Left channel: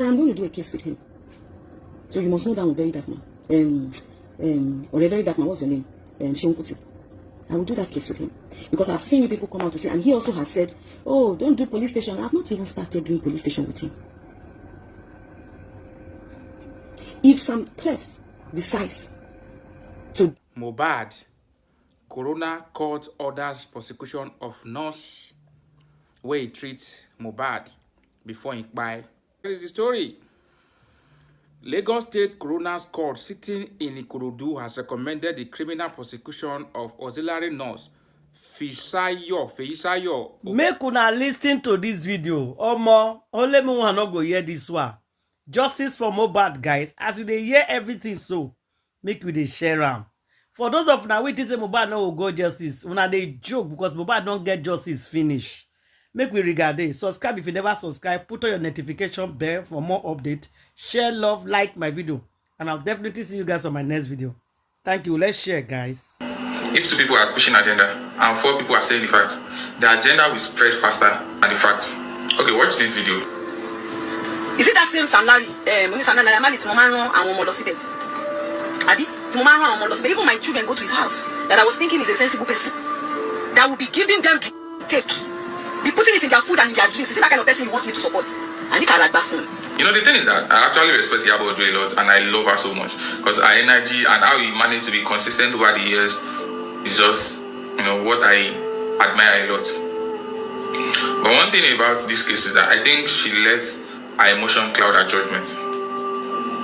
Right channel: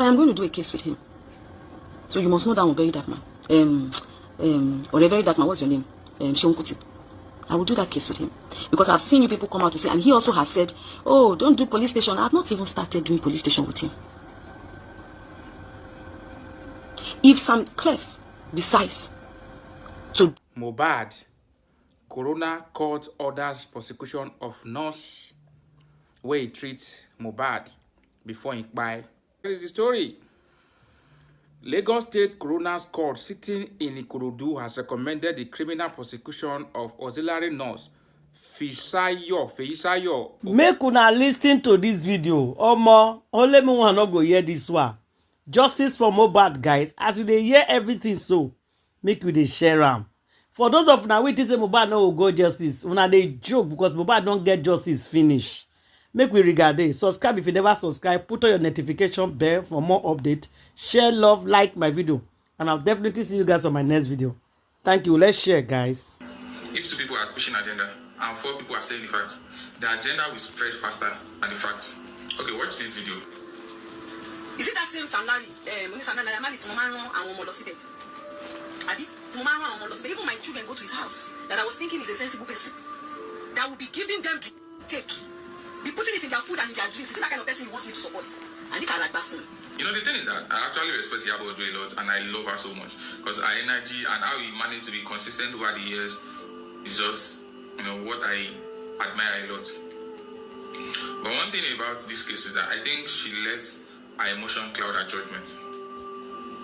I am going to do a case with him. So you must know that I'm a very dark man. Or a very dark man, what's your name? Shonkuti. I will do that case with him. Because I've seen you people come out to say, and he also has said, oh, don't do police station. I've not even started doing police station with him. If some clef decides to... Mohbad, Corona court orders prosecution of nurse where he treats Mohbad before he buy. Here is the story. Lagos State Coroner's Court sitting in Ikorodu has recommended the criminal prosecution of auxiliary nurse Feisayo. Make una listen to this video. Omo, only me wanna go hear this one. Justice for Mohbad, guys. As you dey hear everything, so make you dey share am. For those of una wey think say Mohbad no go justice, una dey joke because Mohbad don't get justice finish. Make we regard it. Subscribe if you never subscribe. Put on your notification bell for more updates. Share, love, like my video. And I'll definitely see you guys on my next video. Thank you. Let's share, guys. If 2 people are pushing agenda and 4 people are saying the facts, the agenda will spread faster than the facts. Okay, watch this video. Is it that same salary? Even my children go to his house. That I was thinking is a sensible person. That will be giving them take. Be putting it in their food and in their drinks. Is it that kind of person you want me to support? And it can like bathroom. You know, the thing is that I actually respect Iyabo a lot and I love her so much. Because her energy and how he managed to be consistent over the years is just, you know, what I admire a lot. But one thing about this case is that I think she lets her emotion cloud her judgment.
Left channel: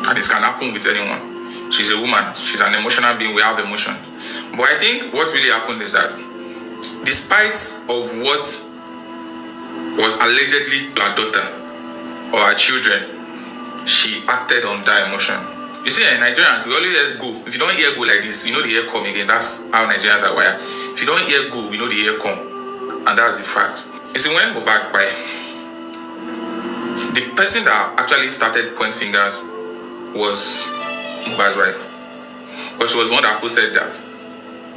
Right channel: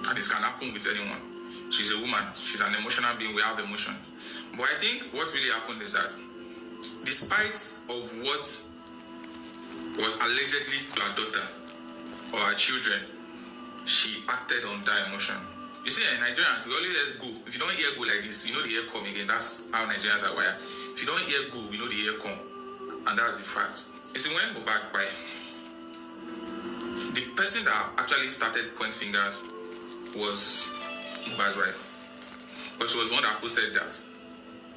And it can happen with anyone. She's a woman. She's an emotional being. We have emotion. But I think what really happened is that despite of what was allegedly her daughter or her children, she acted on that emotion. You see, in Nigerians, we always go. If you don't hear go like this, you know the hear come again. That's how Nigerians are wired. If you don't hear go, you know the hear come. And that's the fact. You see, when Mohbad by the person that actually started point fingers was Mohbad's wife. Because she was the one that posted that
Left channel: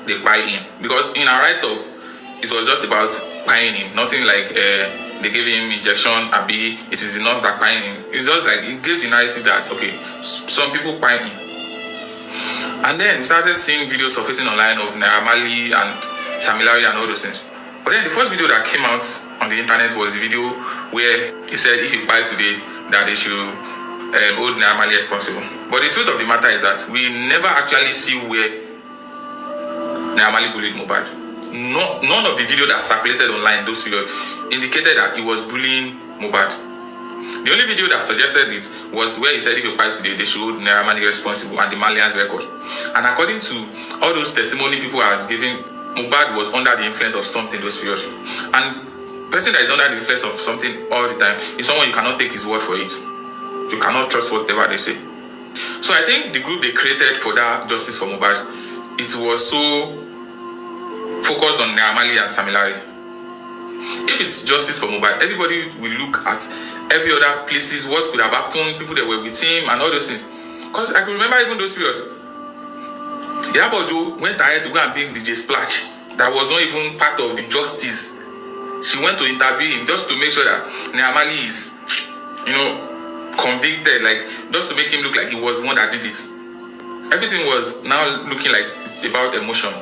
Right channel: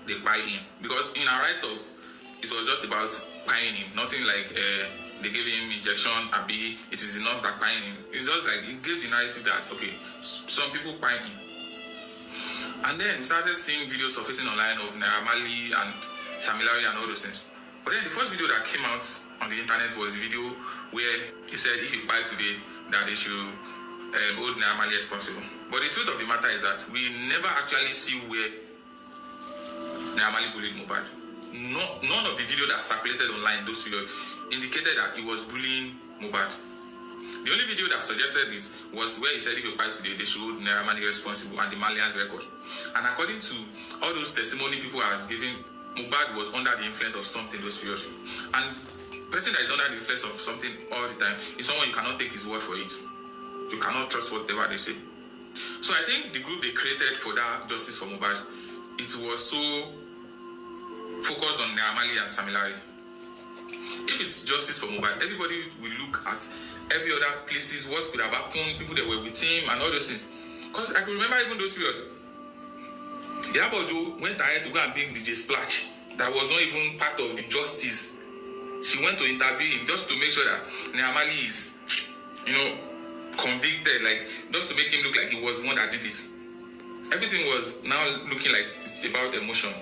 they buy him. Because in her write-up, it was just about buying him. Nothing like they gave him injection, abi, it is the nurse that buying him. It's just like, it gave the narrative that, okay, some people buy him. And then we started seeing videos surfacing online of Marryied and similarity and all those things. But then the first video that came out on the internet was the video where he said if he buy today, that they should hold Marryied responsible. But the truth of the matter is that we never actually see where Marryied bullied Mohbad. No, none of the video that circulated online in those periods indicated that he was bullying Mohbad. The only video that suggested it was where he said if you buy today, they should hold Marryied responsible and the Malians record. And according to all those testimony people are giving, Mohbad was under the influence of something those periods. And person that is under the influence of something all the time is someone you cannot take his word for it. You cannot trust whatever they say. So I think the group they created for that justice for Mohbad, it was so focused on Marryied and similarity. If it's justice for Mohbad, everybody will look at every other places, what could have happened, people that were with him and all those things. Because I can remember even those periods. Iyabo went ahead to go and bring DJ Splash. That was not even part of the justice. She went to interview him just to make sure that Marryied is, you know, convicted, like just to make him look like he was the one that did it. Everything was now looking like it's about emotion.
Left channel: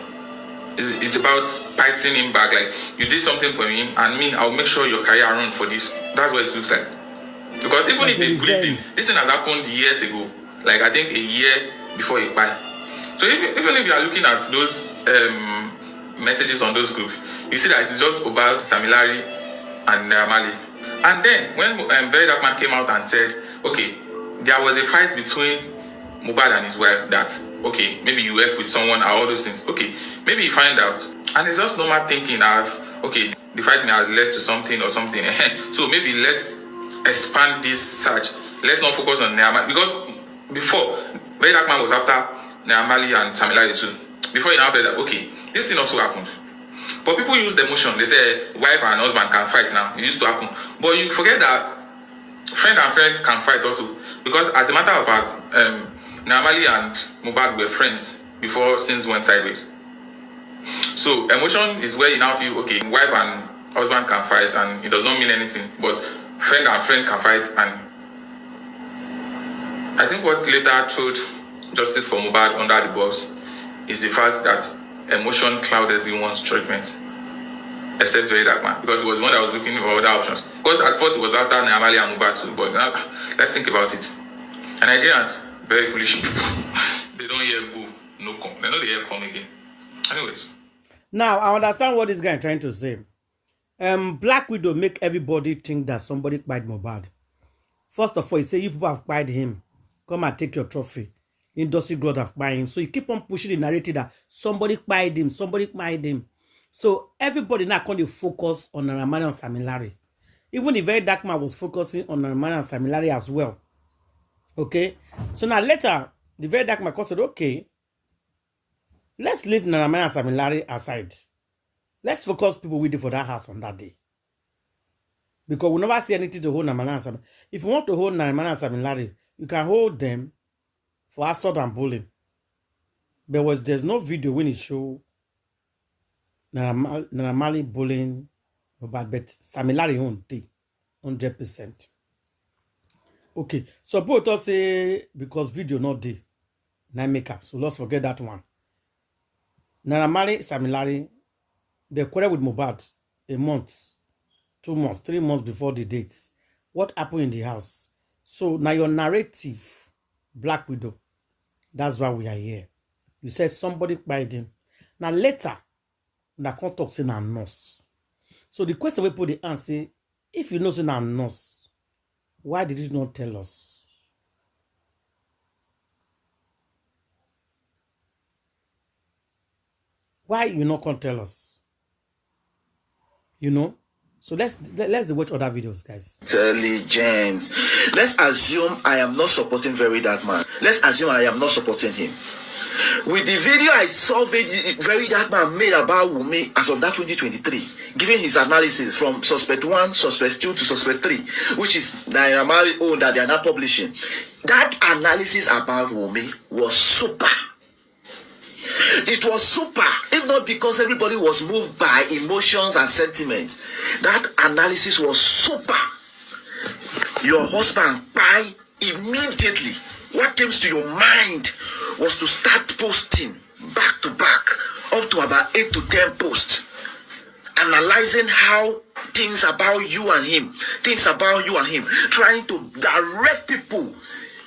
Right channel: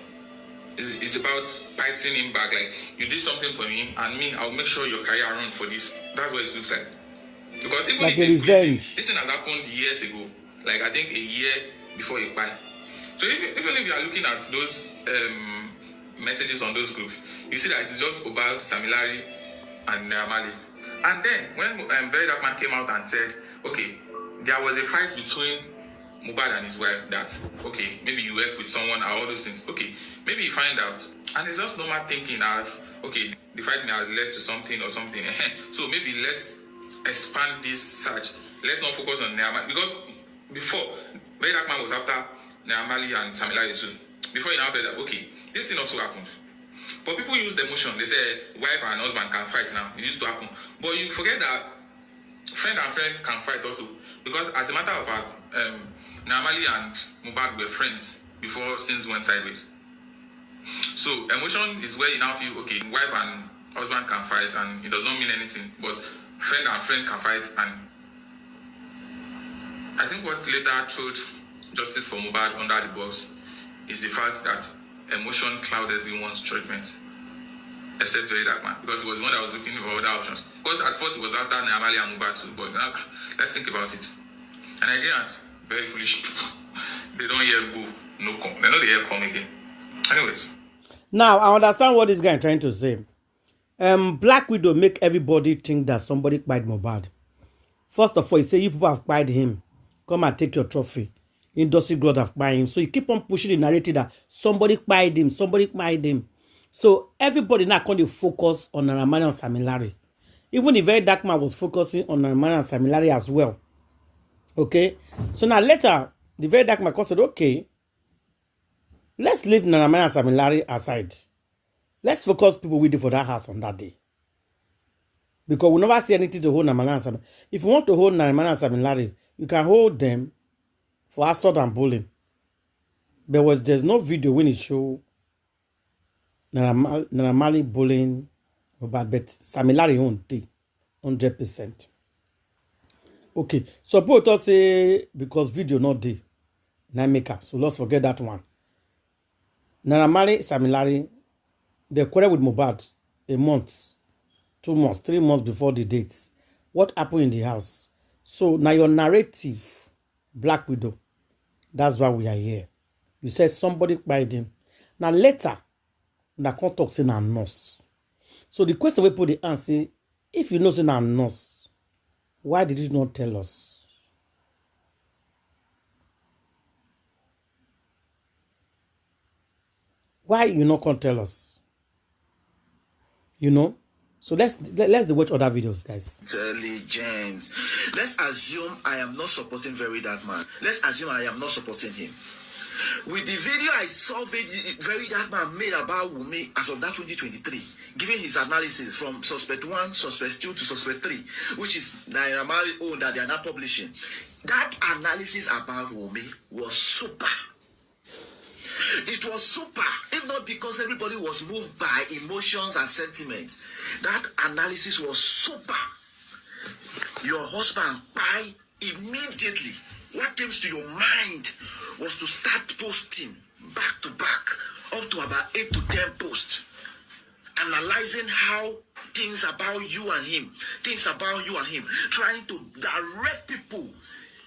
It's about fighting him back. Like, you did something for him, and me, I'll make sure your career runs for this. That's what it looks like. Because even if they quit, this thing has happened years ago. Like, I think a year before he died. So even if you are looking at those messages on those groups, you see that it's just about Samilari and Marryied. And then when Very Dark Man came out and said, okay, there was a fight between Mohbad and his wife that, okay, maybe you work with someone or all those things. Okay, maybe you find out. And it's just normal thinking of, okay, the fighting has led to something or something. So maybe let's expand this search. Let's not focus on Marryied. Because before, Very Dark Man was after Marryied and Samilari too. Before you now felt that, okay, this thing also happened. But people use the emotion. They say wife and husband can fight now. It used to happen. But you forget that friend and friend can fight also. Because as a matter of fact, Marryied and Mohbad were friends before things went sideways. So emotion is where you now feel, okay, wife and husband can fight and it does not mean anything. But friend and friend can fight and I think what later showed justice for Mohbad under the bus is the fact that emotion clouded everyone's judgment, except very dark man, because he was the one that was looking for other options. Because at first it was after Naamali and Mohbad too, but now, let's think about it. And Nigerians, very foolish people. They don't hear go, no come. They know they hear come again. Anyways. Now, I understand what this guy is trying to say. Black Widow make everybody think that somebody kpied Mohbad. First of all, he say you people have kpied him. Come and take your trophy. Industry God have kpied him. So he keep on pushing the narrative that somebody kpied him, somebody kpied him. So everybody now can focus on Naramani and Samilari. Even the very dark man was focusing on Naramani and Samilari as well. Okay? So now later, the very dark man said, okay, let's leave Naramani and Samilari aside. Let's focus people with it for that house on that day. Because we never see anything to hold Naramani and Samilari. If you want to hold Naramani and Samilari, you can hold them for assault and bullying. There's no video when it show Naramali bullying Mohbad, but Samilari on day 100%. Okay, so people say because video not day, na maker. So let's forget that one. Naramali, Samilari, they quarreled with Mohbad a month, 2 months, 3 months before the dates. What happened in the house? So now your narrative, Black Widow, that's why we are here. You said somebody kpied him. Now later, na come talk say na nurse. So the question we put the answer, if you know say na nurse, why did you not tell us? Why you not come tell us? You know? So let's watch other videos, guys. Intelligent. Let's assume I am not supporting very dark man. Let's assume I am not supporting him. With the video I saw very dark man made about Wunmi as of that 2023, giving his analysis from suspect 1, suspect 2 to suspect 3, which is Naira own that they are not publishing. That analysis about Wunmi was super. It was super, if not because everybody was moved by emotions and sentiments. That analysis was super. Your husband, by immediately, what comes to your mind was to start posting back to back, up to about 8 to 10 posts, analyzing how things about you and him, trying to direct people,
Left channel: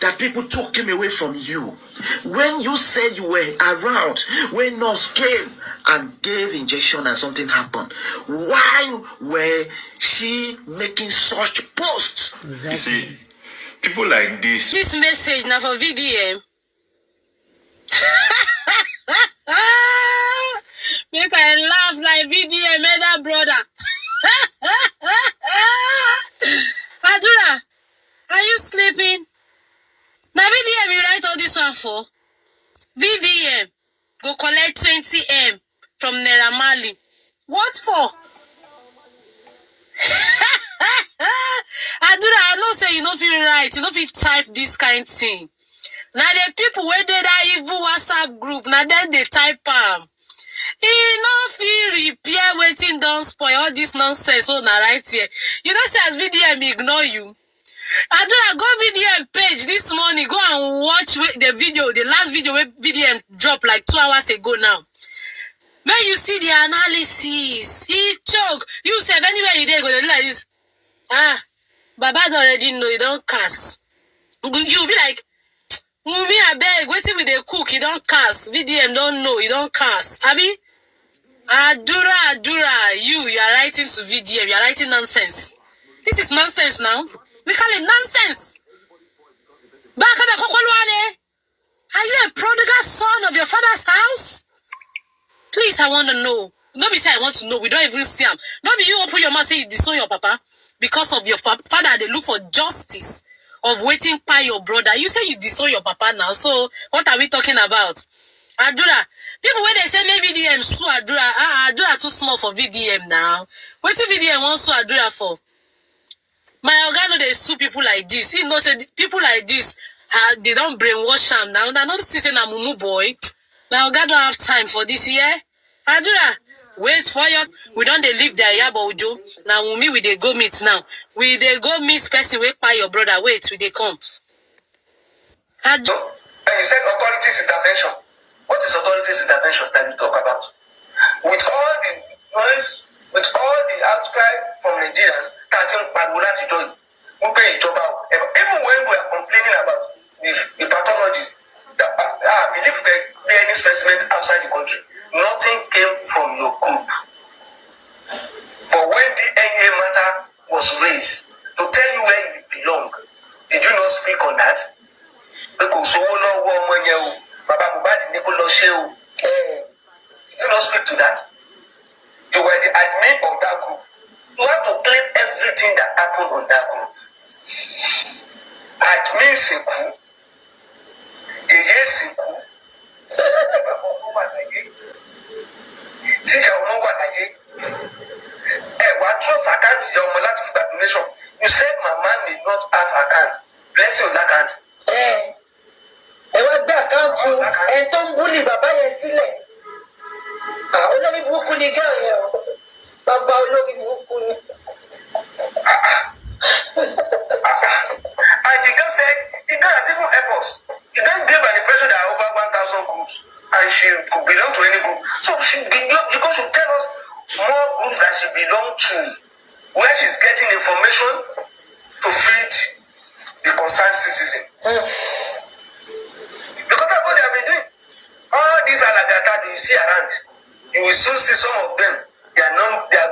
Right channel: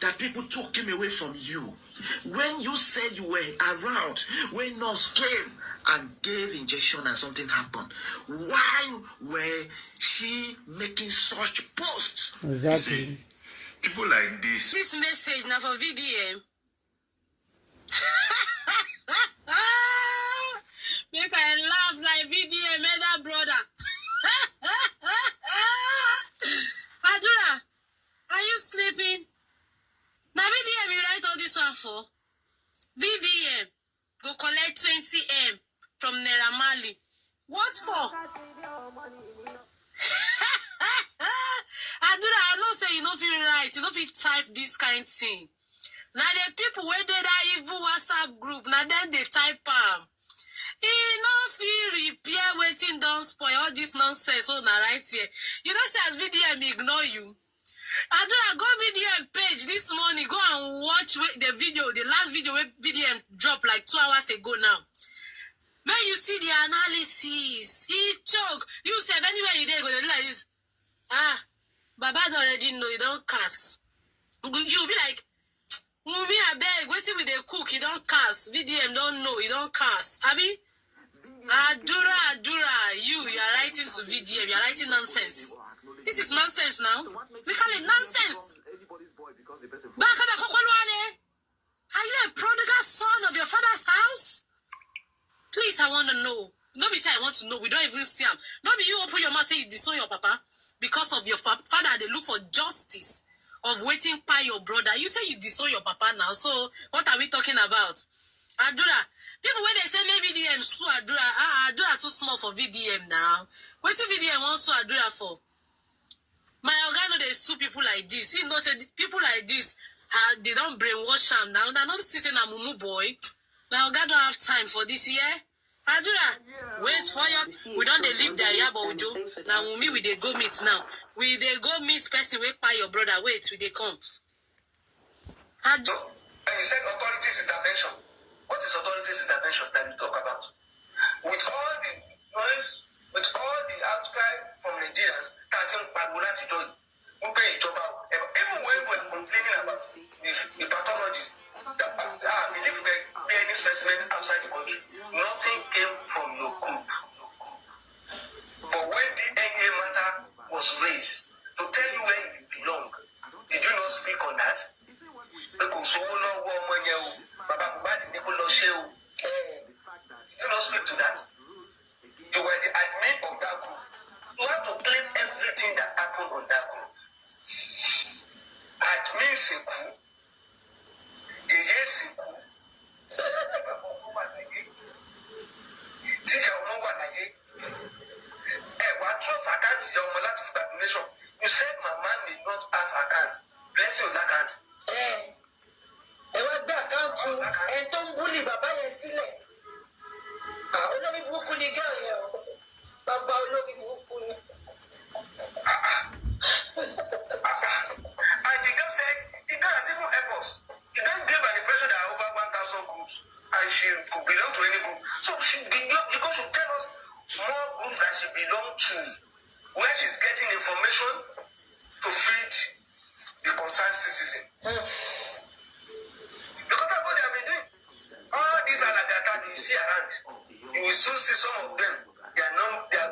that people took him away from you. When you said you were around, when nurse came and gave injection and something happened, why were she making such posts? Exactly. You see, people like this. This message now for VDM. Make I laugh like VDM, other brother. Adura, are you sleeping? Now VDM you write all this one for? VDM go collect 20M from Naira. What for? Adura, I know say you know feel right, you know feel type this kind of thing. Now the people where they that evil WhatsApp group, now then they type he no feel repair waiting don't spoil all this nonsense. So now right here, you know say as VDM ignore you. Adura, go VDM page this morning, go and watch the video, the last video where VDM dropped like 2 hours ago now. When you see the analysis, he choke. You say anywhere you there go to like this. Baba already know you don't cast. You be like, Mumi, I beg, waiting with the cook, you don't cast. VDM don't know, you don't cast. Abi? Adura, you are writing to VDM, you are writing nonsense. This is nonsense now. We call it nonsense. Are you a prodigal son of your father's house? Please, I want to know. Nobody say I want to know. We don't even see him. Nobody you open your mouth say you disown your papa because of your father. They look for justice of waiting by your brother. You say you disown your papa now. So what are we talking about? Adura, people when they say maybe VDM sue Adura, Adura too small for VDM now. What if VDM wants sue Adura for? My organo they sue people like this. He knows that people like this, they don't brainwash him now. They're not sitting a mumu boy. My organo don't have time for this year. Adura, wait for you. We don't leave the Iyabo Ujo. Now we they go meet now. We they go meet person wait by your brother. Wait, we they come. And you said authorities intervention. What is authorities intervention that you talk about? With all the noise, with all the outcry from Nigerians, even when we are complaining about the pathologies, I believe there be any specimen outside the country, nothing came from your group. But when the NA matter was raised to tell you where you belong, did you not speak on that? Because so Baba Mohbad did you not speak to that? You were the admin of that group. You have to claim everything that happened on that group. Admin Seku, Yeye Seku, Tija Omowa what trust account your Molati for that donation? You said Mama may not have account. Bless your account. What back account to and don't bully Baba Yesile. Olórí burúkú ni girl yẹn o. Bàbá olórí burúkú ni. And the girl said, the girl has even helped us. The girl gave an impression that over 1,000 groups and she could belong to any group. So she should tell us more groups that she belongs to, where she's getting information to feed the concerned citizen. Because that's what they have been doing. All these alagata you see around, you will soon see some of them. Their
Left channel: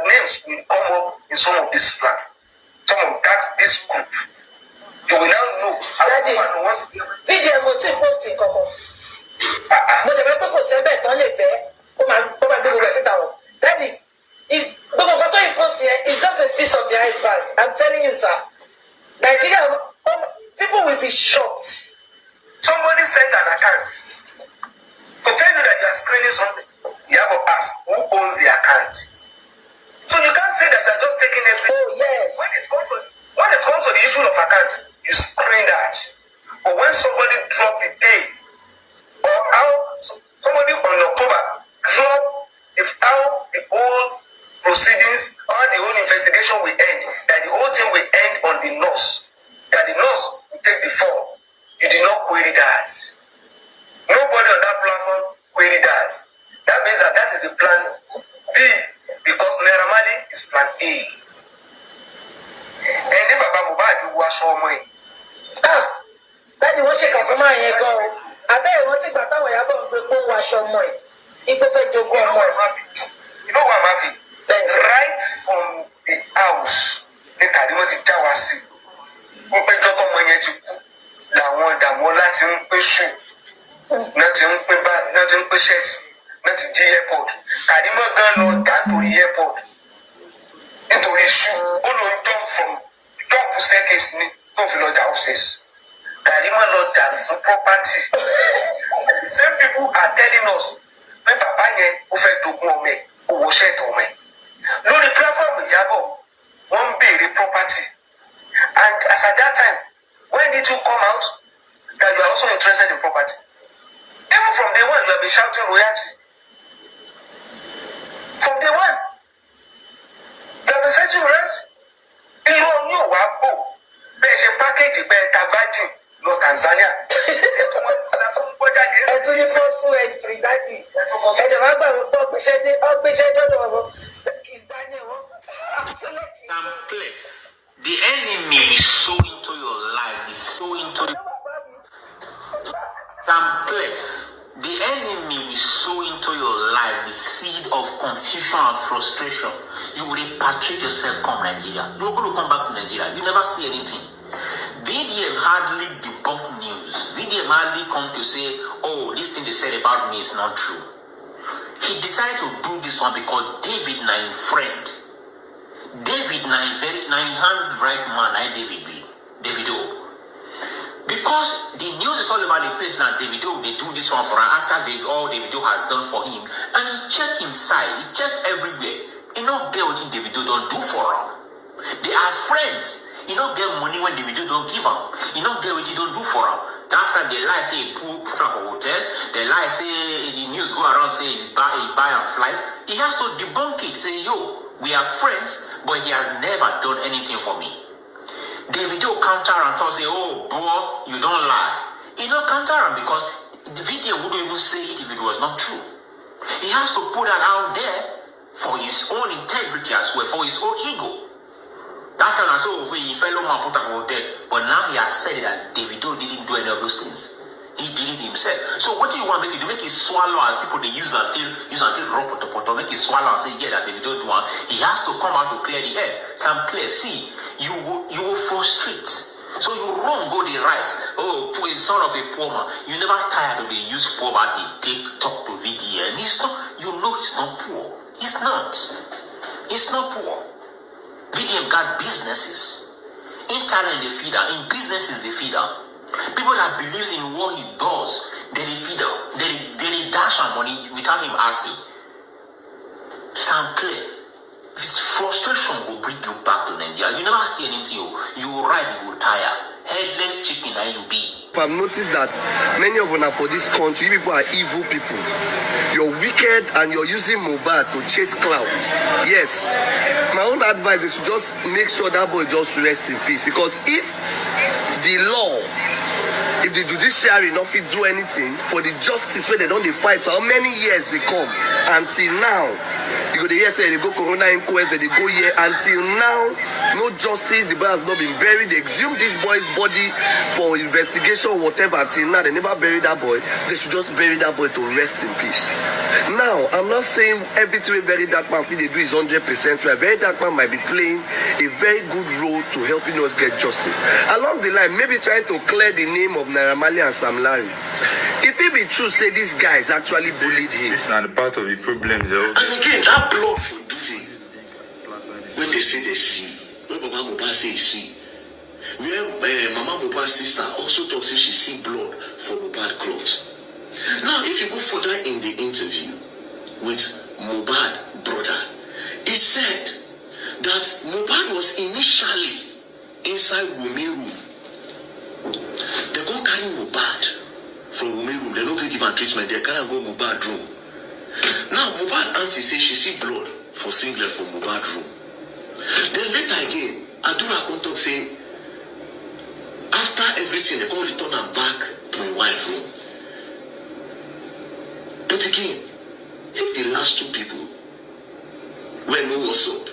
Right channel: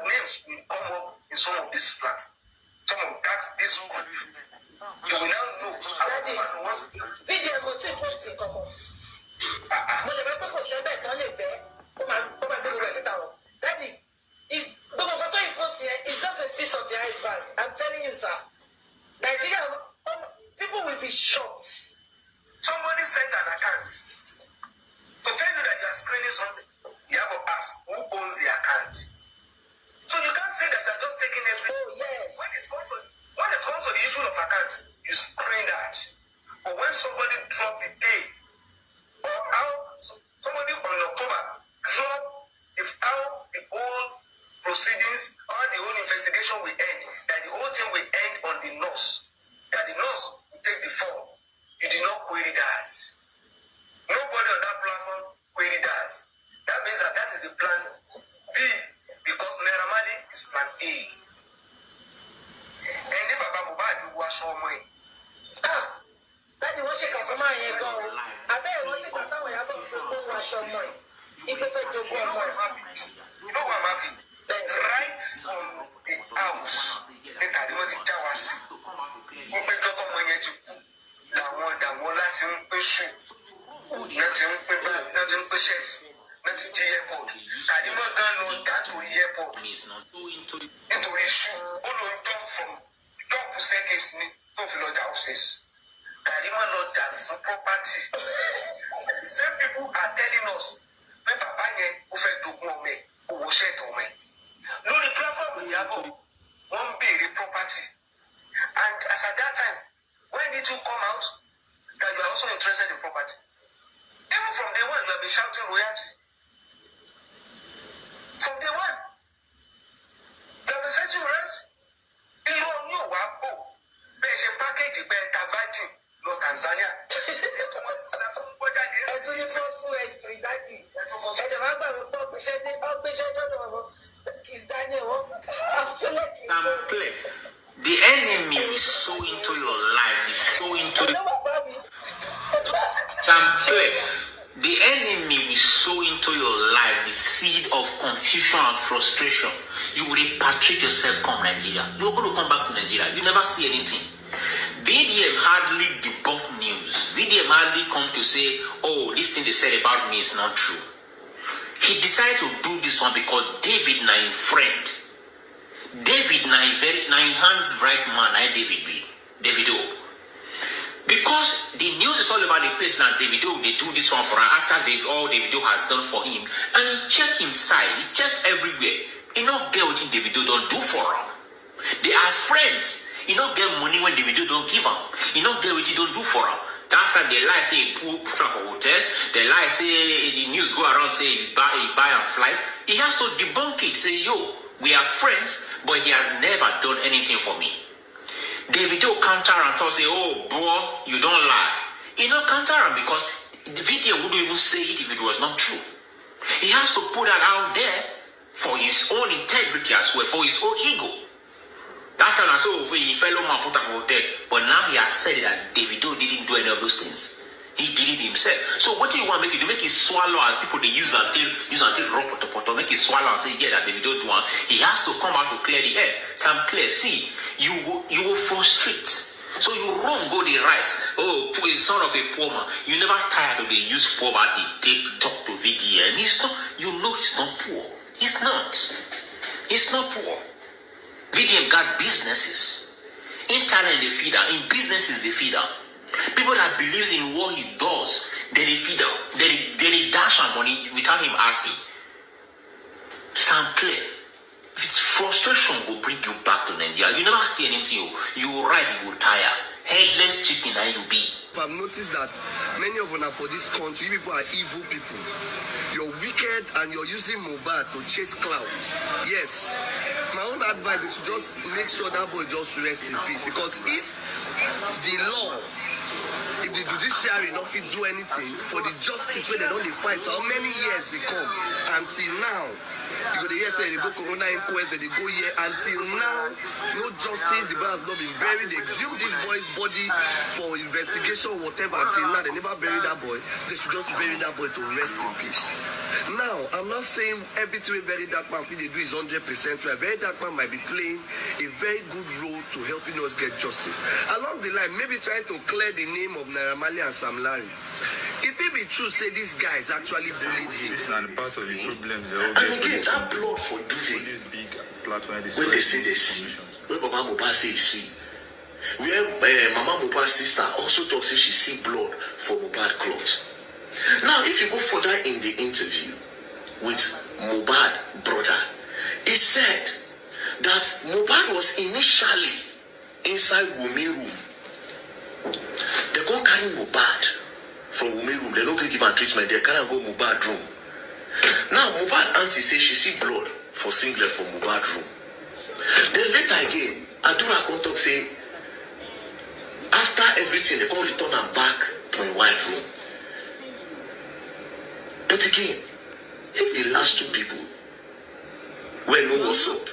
names will come up in some of this platform. Some of this group. You will now know. Daddy, video motive posting Coco. But the people say bet on your bed. Oh my God, Daddy, it's just a piece of the iceberg. I'm telling you, sir. Nigeria, people will be shocked. Somebody sent an account to tell you that you are screening something. Iyabo asked, who owns the account? So you can't say that they're just taking everything. Oh, yes. When it comes to the issue of account, you screen that. But when somebody dropped the day, or how somebody on October dropped how the whole proceedings or the whole investigation will end, that the whole thing will end on the nurse, that the nurse will take the fall. You did not query that. Nobody on that platform queried that. That means that is the plan B, because Naira Marley is plan A. And then Baba Mohbad you wash all money. That is what she can from my go. I bet you want to go to Iyabo wash all money. You know what I'm happy? Right from the house, the Kadimoti Jawasi, who pay Joko Manyetu, La Wanda Mola Timpishu, nothing bad, nothing shirts, nothing G airport. Kadima gun on down to the airport. Into the shoe, all jump from top staircase, go for lodge houses. Kadima not down for property. The same people are telling us. When Papa who fed to me, who was shed to me. No, the platform with Iyabo won't be the property. And as at that time, when did you come out that you are also interested in property? Even from day one, you have been shouting royalty. From day one, you have been shouting royalty. You don't know what there's a package in Virgin, no Tanzania. It's the first full entry, Daddy. And the rabbi will talk, we said, the enemy is so into your life, is so into the enemy is so into your life, the seed of confusion and frustration. You will repatriate yourself, come Nigeria. You're going to come back to Nigeria. You never see anything. VDM hardly debunk news. VDM hardly come to say, oh, this thing they said about me is not true. He decided to do this one because David na him friend. David na him hand right man, Davido. Because the news is all over the place now, Davido, they do this one for him after all Davido has done for him. And he checked him side, he checked everywhere. He not get what Davido don't do for him. They are friends. He don't get money when Davido don't give him. He don't get what he don't do for him. That's time they lie say he put him for hotel. They lie say the news go around say he buy and fly. He has to debunk it. Say, yo, we are friends, but he has never done anything for me. Davido counter and talk say, oh, boy, you don't lie. He not counter him because the video wouldn't even say it if it was not true. He has to put that out there for his own integrity as well, for his own ego. That time I saw over he fellow man put out there, but now he has said that Davido didn't do any of those things. He did it himself. So what do you want to make it do? Make it swallow as people they use until raw pot, make it swallow and say, yeah, that Davido do one. He has to come out to clear the air. Sam clear. See, you will frustrate. So you wrong go the right. Oh, son of a poor man. You never tired of the use poverty, take talk to VDN. He's not, you know he's not poor. He's not. He's not poor. VDM got businesses. Internet they feed her. In businesses they feed her. People that believes in what he does, they feed her. They dash her money without him asking. Sam Clay, this frustration will bring you back to Nigeria. You never see anything. You will ride, you will tire. Headless chicken and you be. I've noticed that many of us for this country, people are evil people. You're wicked and you're using Mohbad to chase clout. Yes. My own advice is to just make sure that boy just rest in peace. Because if the law, if the judiciary not fit do anything for the justice where they don't fight, how many years they come until now? You go the year say they go corona inquest, they go here until now, no justice. The boy has not been buried. They exhumed this boy's body for investigation or whatever. Until now, they never buried that boy. They should just bury that boy to rest in peace. Now, I'm not saying everything very dark man they do is 100% right. Very dark man might be playing a very good role to helping us get justice. Along the line, maybe trying to clear the name of Naira Marley and Sam Larry. If it be true, say this guy is actually bullied him. This is not part of the problem. And again, that blood for Duve. When they say they see, when Mama Mohbad say he see, where Mama Mohbad's sister also talks say she see blood for Mohbad clothes. Now, if you go further in the interview with Mohbad brother, he said that Mohbad was initially inside Wumi room. They go carry Mohbad from Wumi room. They don't give him treatment. They can't go Mohbad room. Now, Mohbad auntie says she see blood for singlet from Mohbad room. Then later again, Adura come talk say, after everything, they come return her back to my wife's room. But again, if the last two people were no what's up,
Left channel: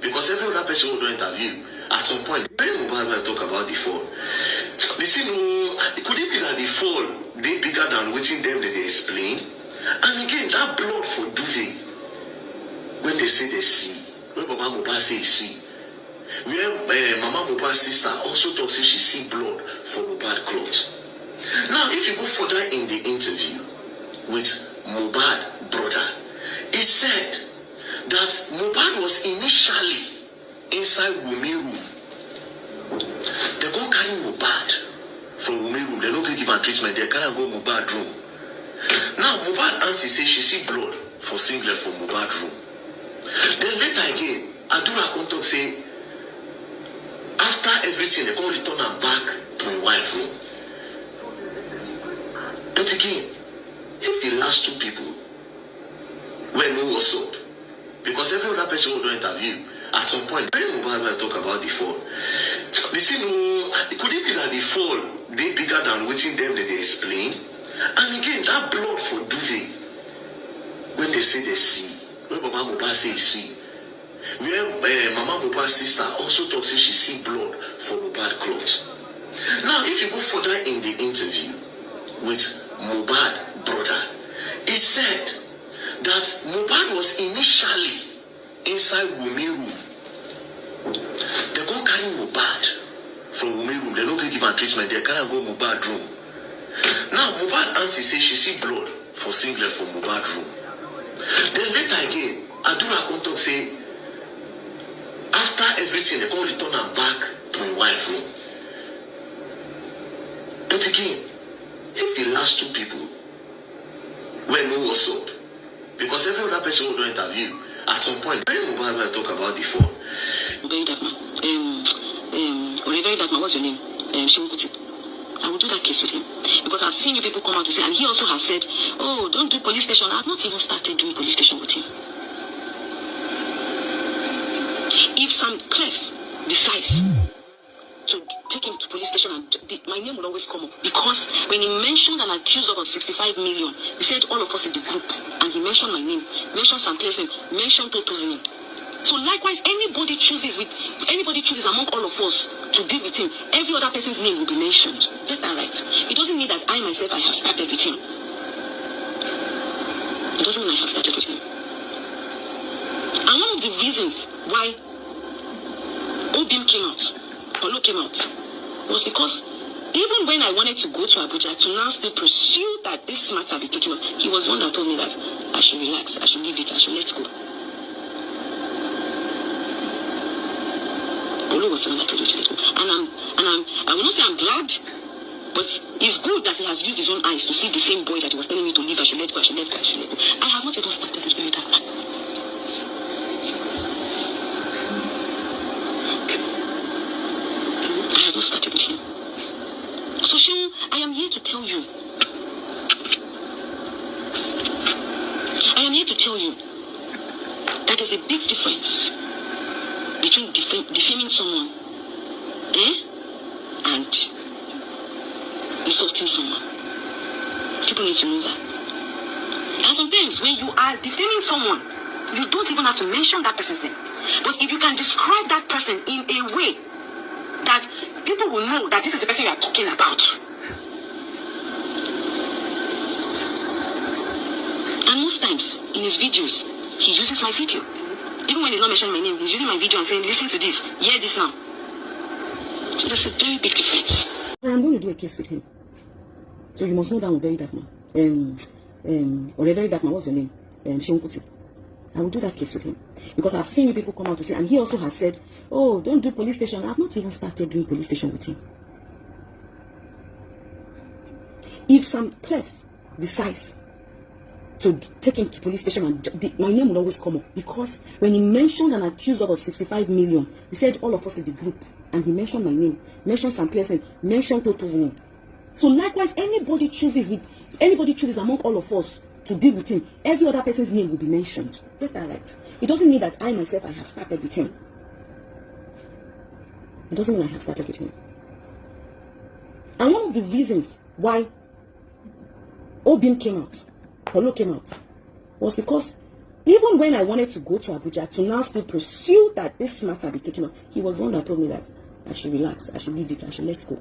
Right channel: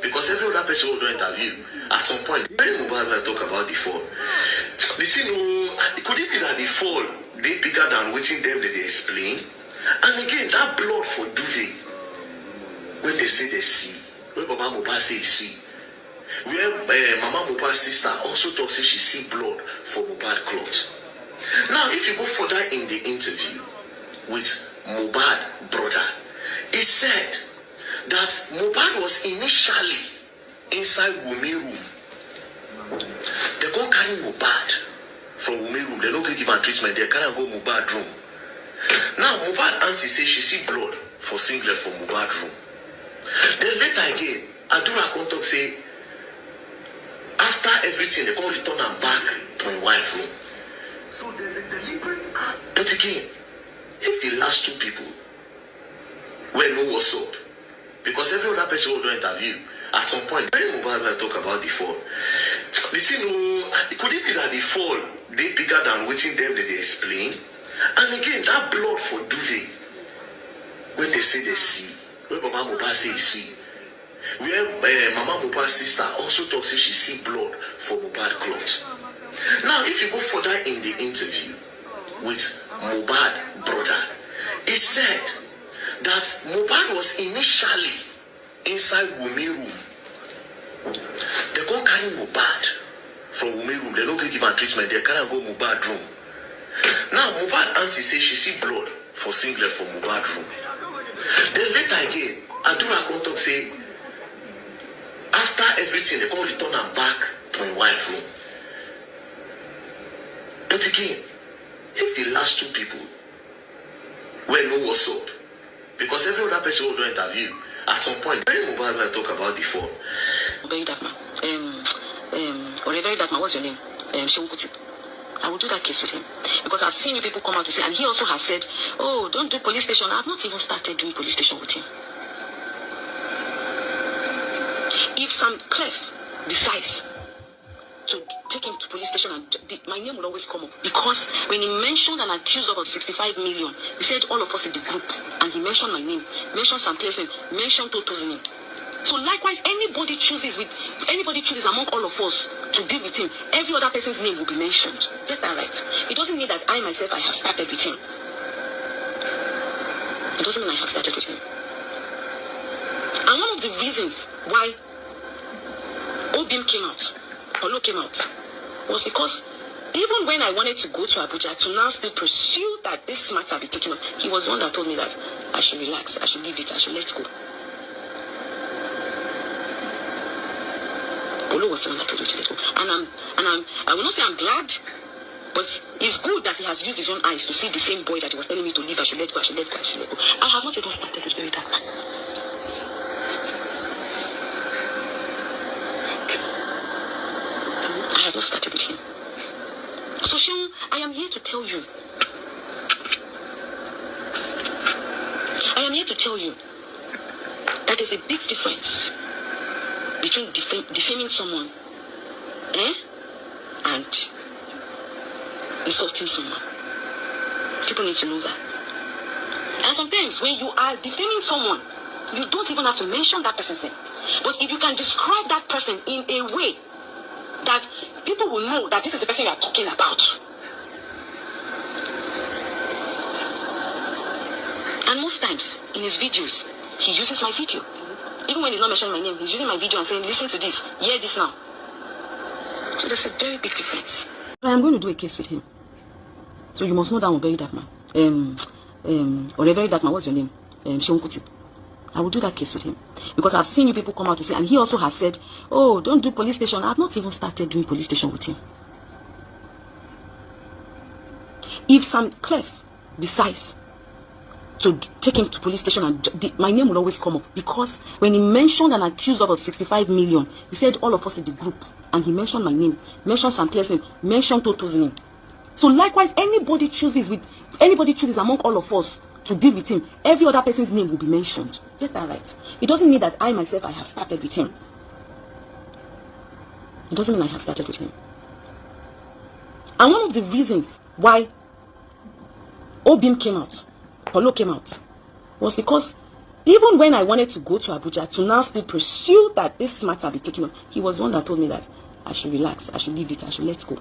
because every other person will do interview, at some point, when Mohbad talk about the fall, the thing, could it be that the fall they bigger than waiting them that they explain? And again, that blood for Duve, when they say they see, when Mama Mohbad say he see, where Mama Mohbad's sister also talks say she see blood for Mohbad clothes. Now, if you go further in the interview with Mohbad brother, he said that Mohbad was initially inside Wumi room. They go carry Mohbad from Wumi room. They don't give him treatment. They can't go Mohbad room. Now, Mohbad auntie says she see blood for singlet from Mohbad room. Then later again, Adura come talk say, after everything, they come return her back to my wife's room. So there's a deliberate act. But again, if the last two people were no what's up, because every other person will do interview, at some point, when Mohbad talk about the fall, the thing, could it be that the fall they bigger than waiting them that they explain? And again, that blood for Duve, when they say they see, when Mama Mohbad say he see, where Mama Mohbad's sister also talks say she see blood for Mohbad clothes. Now, if you go further in the interview with Mohbad brother, he said that Mohbad was initially inside Wumi room. They go carry Mohbad from Wumi room. They don't give him treatment. They can't go Mohbad room. Now, Mohbad auntie says she see blood for singlet from Mohbad room. Then later again, Adura come talk say, after everything, they come return her back to my wife's room. But again, if the last two people were no what's up, because every other person will do interview, at some point, when Mohbad talk about the fall. Very dark man. Or very dark man, what's your name? I will do that case with him. Because I've seen you people come out to say, and he also has said, oh, don't do police station. I've not even started doing police station with him. If Sam Clef decides to take him to police station, and my name will always come up. Because when he mentioned and accused of 65 million, he said all of us in the group, and he mentioned my name, mentioned Sam Clare's name, mentioned Toto's name. So likewise, anybody chooses among all of us to deal with him, every other person's name will be mentioned. Get that right. It doesn't mean that I myself, I have started with him. It doesn't mean I have started with him. And one of the reasons why Obim came out, Olo came out, was because even when I wanted to go to Abuja to now still pursue that this matter be taken on, he was the one that told me that I should relax, I should leave it, I should let go. Olo was the one that told me to let go. And I will not say I'm glad, but it's good that he has used his own eyes to see the same boy that he was telling me to leave, I should let go, I should let go, I should let go. I have not even started with very dark man. I have not started with him. So Sean, I am here to tell you. I am here to tell you that there's a big difference between defaming someone and insulting someone. People need to know that. And sometimes when you are defaming someone, you don't even have to mention that person's name. But if you can describe that person in a way that people will know that this is the person you are talking about. And most times in his videos, he uses my video. Even when he's not mentioning my name, he's using my video and saying, listen to this, hear this now. So there's a very big difference. I am going to do a case with him. So you must know that I'm a very dark man. Or a very dark man, what's your name? Shonkuti. I will do that case with him. Because I've seen you people come out to say, and he also has said, oh, don't do police station. I've not even started doing police station with him. If Sam Clare decides to take him to police station, and my name will always come up. Because when he mentioned and accused of 65 million, he said all of us in the group. And he mentioned my name, mentioned Sam Clare's name, mentioned Toto's name. So likewise, anybody chooses among all of us to deal with him, every other person's name will be mentioned. Get that right. It doesn't mean that I myself, I have started with him. It doesn't mean I have started with him. And one of the reasons why Obim came out, Olo came out, was because even when I wanted to go to Abuja to now still pursue that this matter be taken on, he was the one that told me that I should relax, I should leave it, I should let go.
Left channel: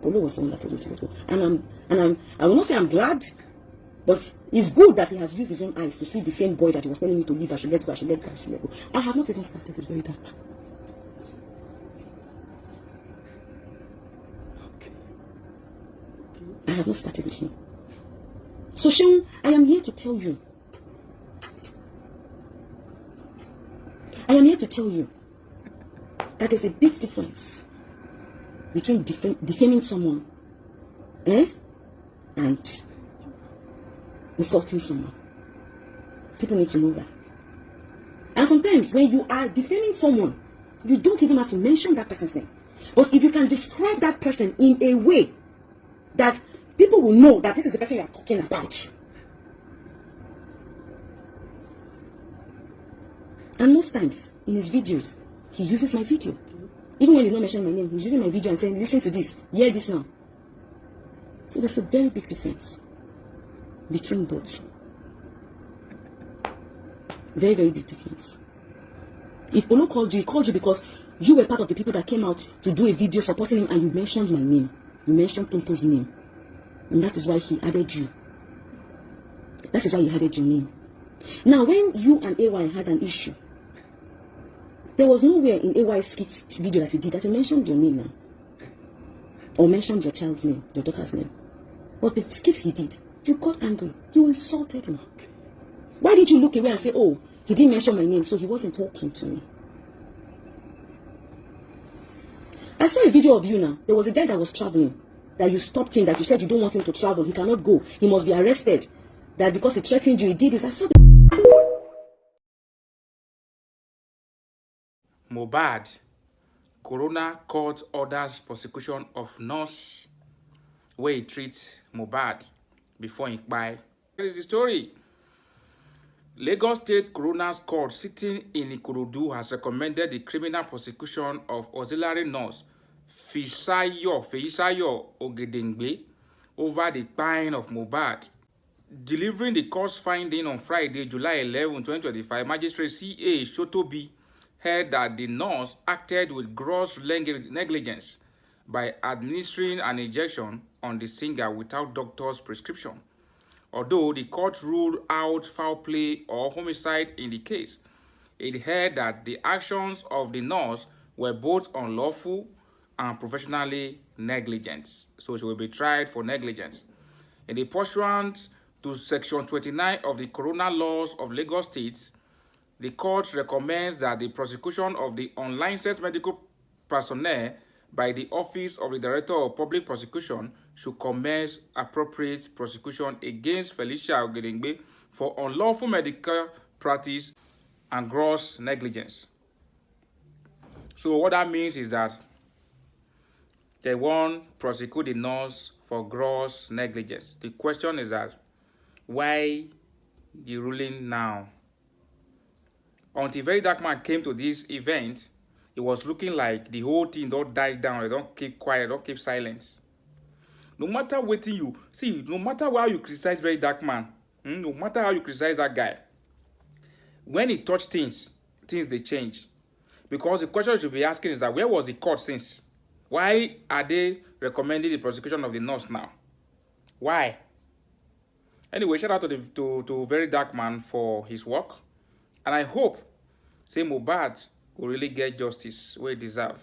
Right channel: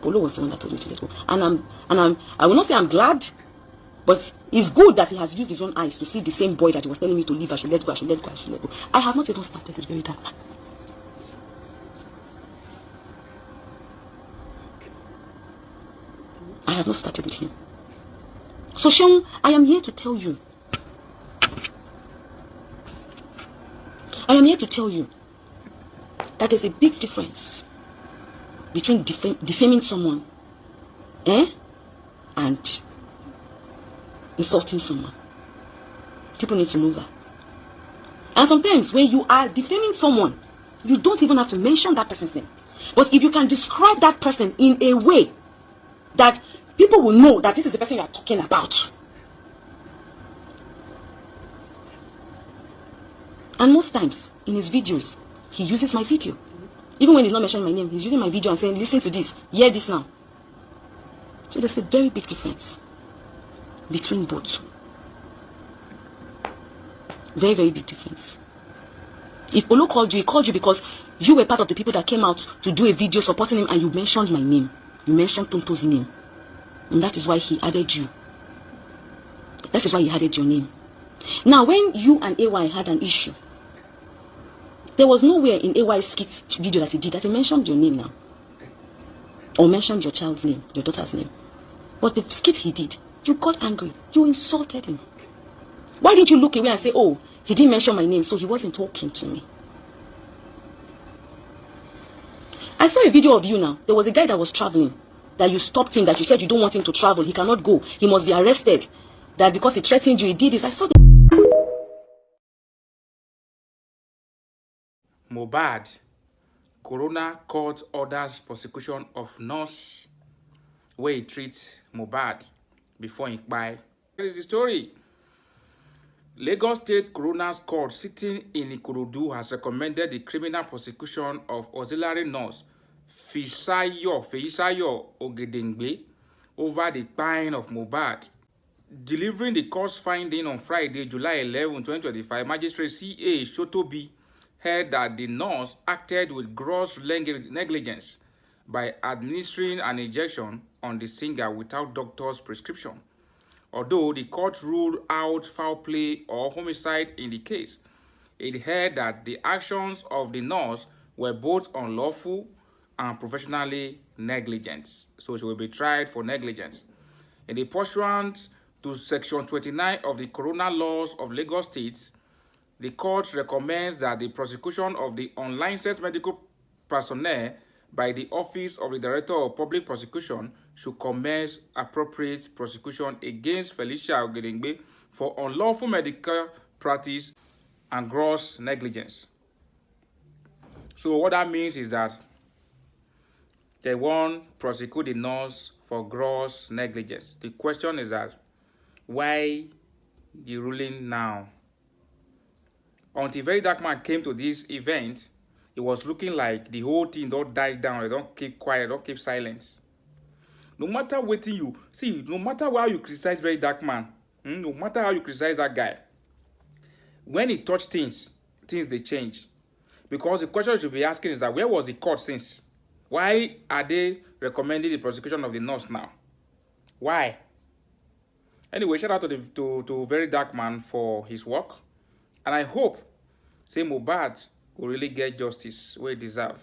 Polo was the one that told me to let go. And I will not say I'm glad, but it's good that he has used his own eyes to see the same boy that he was telling me to leave, I should let go, I should let go, I should let go. I have not even started with very dark man. I have not started with him. So Sean, I am here to tell you. I am here to tell you that there's a big difference between defaming someone and insulting someone. People need to know that. And sometimes when you are defaming someone, you don't even have to mention that person's name. But if you can describe that person in a way that people will know that this is the person you are talking about. And most times in his videos, he uses my video. Even when he's not mentioning my name, he's using my video and saying, listen to this, hear this now. So there's a very big difference between both. Very, very big difference. If Olo called you, he called you because you were part of the people that came out to do a video supporting him, and you mentioned my name. You mentioned Tonto's name. And that is why he added you. That is why he added your name. Now, when you and AY had an issue, there was nowhere in AY's skit video that he did that he mentioned your name now. Or mentioned your child's name, your daughter's name. But the skit he did, you got angry. You insulted him. Why didn't you look away and say, oh, he didn't mention my name, so he wasn't talking to me? I saw a video of you now. There was a guy that was traveling, that you stopped him, that you said you don't want him to travel. He cannot go. He must be arrested. That because he threatened you, he did this. I saw the Mohbad, Corona court orders prosecution of nurse where he treats Mohbad before he buy. Here is the story. Lagos State Coroner's Court sitting in Ikorodu has recommended the criminal prosecution of auxiliary nurse Feisayo Ogedengbe over the kpine of Mohbad. Delivering the court's finding on Friday, July 11, 2025, Magistrate C.A. Shotobi held that the nurse acted with gross negligence by administering an injection on the singer without doctor's prescription. Although the court ruled out foul play or homicide in the case, it held that the actions of the nurse were both unlawful and professionally negligent. So she will be tried for negligence. In the pursuant to Section 29 of the Corona Laws of Lagos State, the court recommends that the prosecution of the unlicensed medical personnel by the Office of the Director of Public Prosecution should commence appropriate prosecution against Felicia Ogedengbe for unlawful medical practice and gross negligence. So what that means is that they won't prosecute the nurse for gross negligence. The question is that why the ruling now? Until Very Dark Man came to this event, it was looking like the whole thing don't die down. They don't keep quiet, don't keep silence. No matter what you see, no matter how you criticize Very Dark Man, no matter how you criticize that guy, when he touched things they change. Because the question you should be asking is that where was the court since? Why are they recommending the prosecution of the nurse now? Why? Anyway, shout out to Very Dark Man for his work. And I hope, say Mohbad will really get justice where he deserves.